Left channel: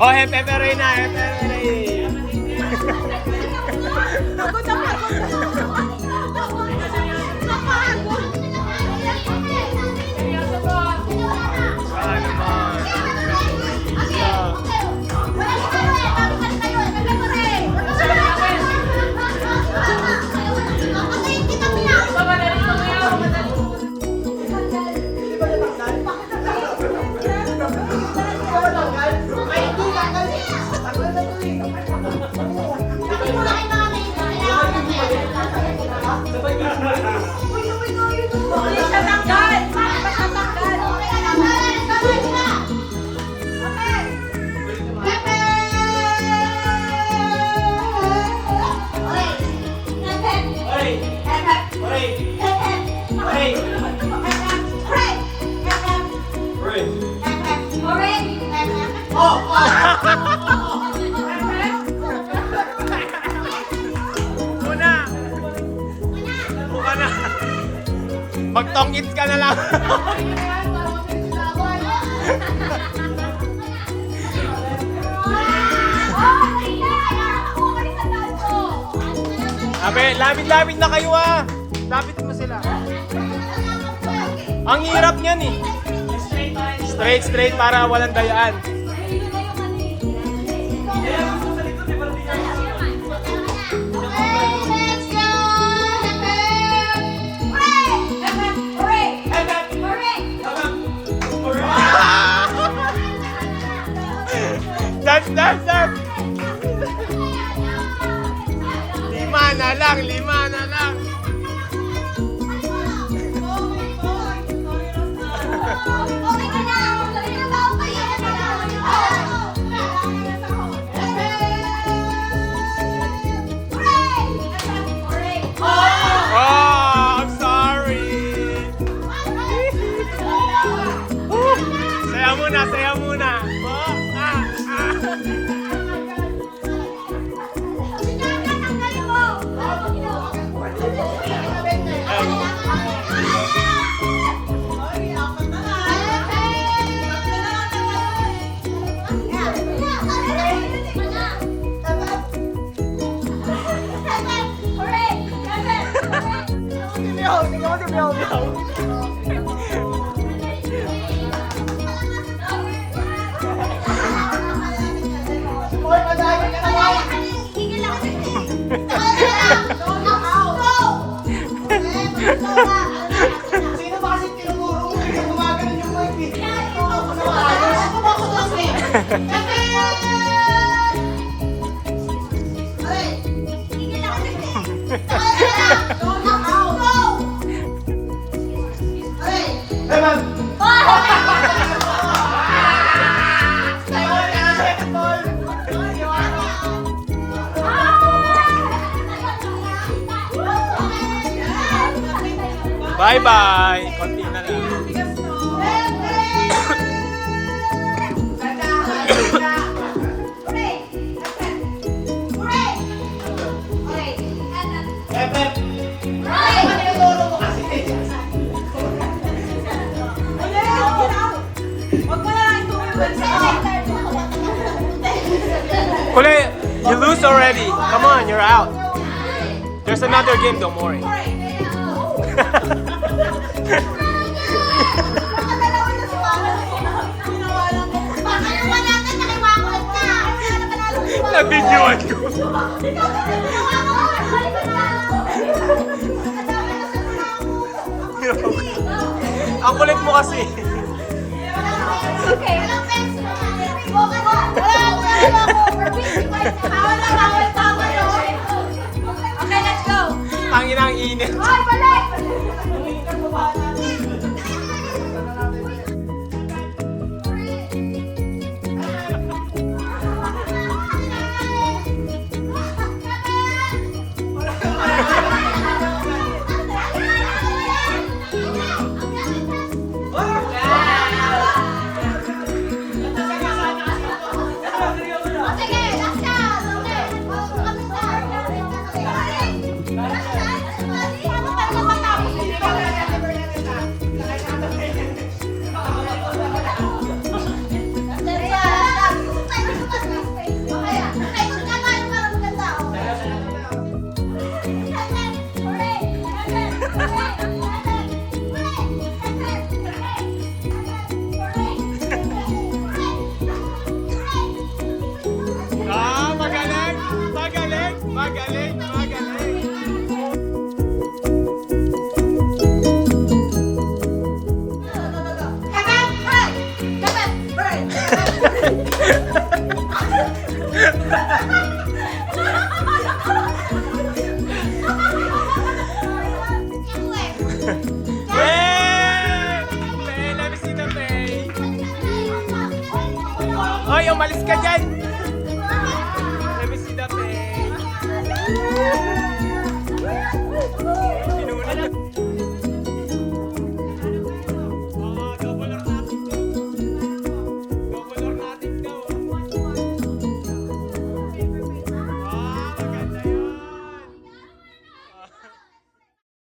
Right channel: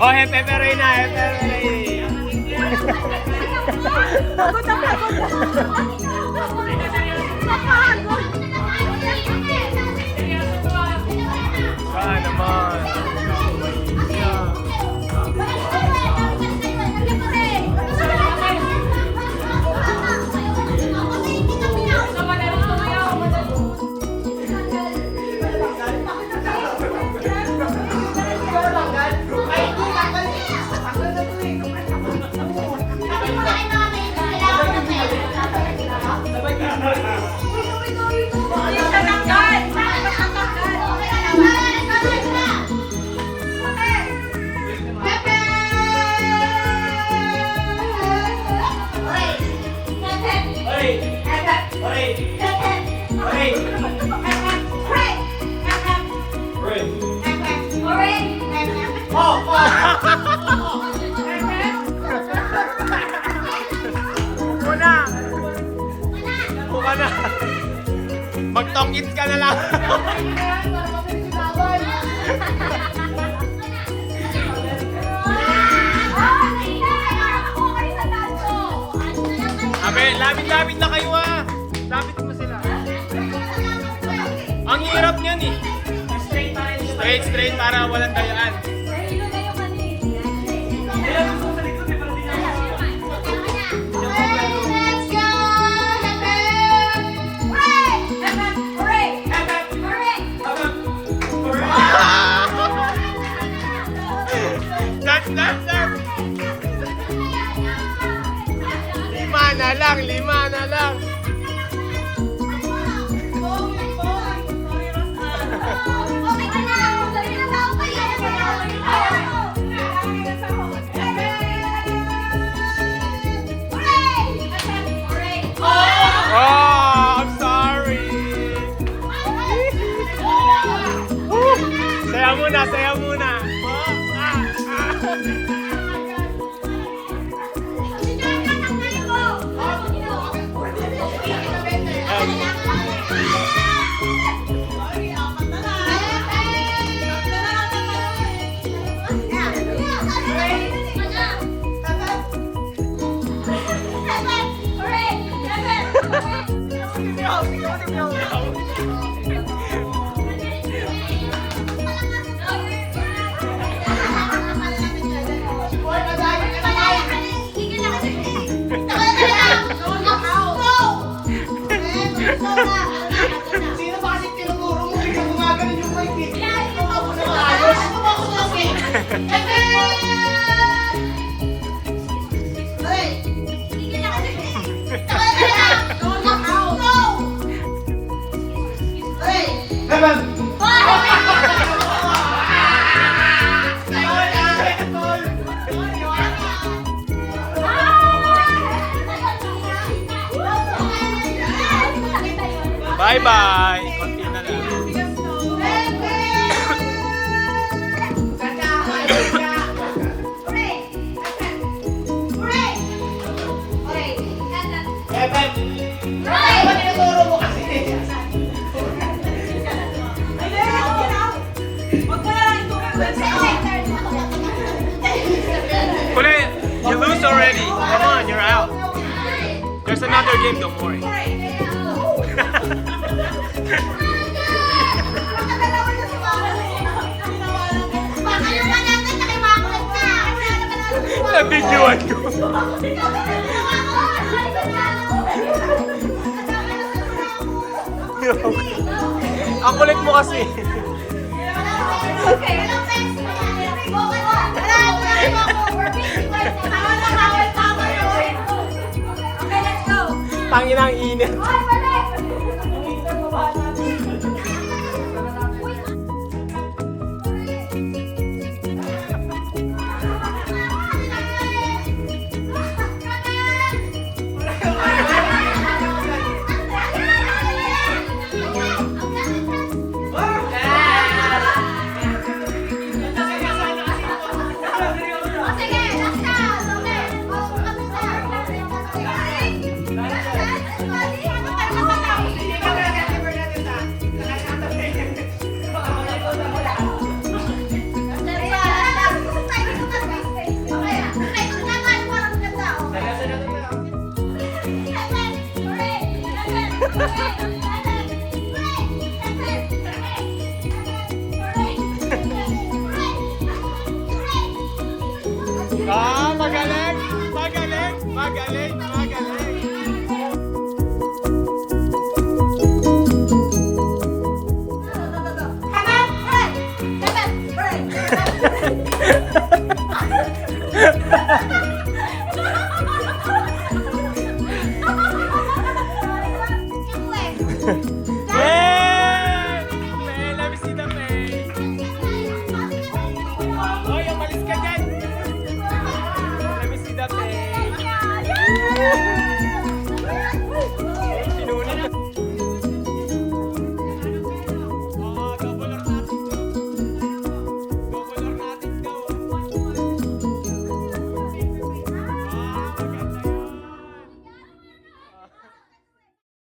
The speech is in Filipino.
Oh, hepe-pere na, hepe-pere. Sana naman. Yeah. Mag-talk-it ka na lang. Abe, lapit-lapit na kayo ah. Lapit mo sila. Ang hirap niyan eh. Straight para walang gayaan. Stop. Lima na lang. Oh, I'm sorry. Saya muna. Sino ba kasi tinuturo mo? Hindi ka gumagano yung mic eh. Ako sa ayos. Bye-bye. Konti na lang. Kule, you lose already. Come on, you're out. There's another game, don't worry. Nabidyoan ko. Ang kulit mo kasi. Tangin ang init. Yay! Faye, let me see the Faye. Oy, umalis ka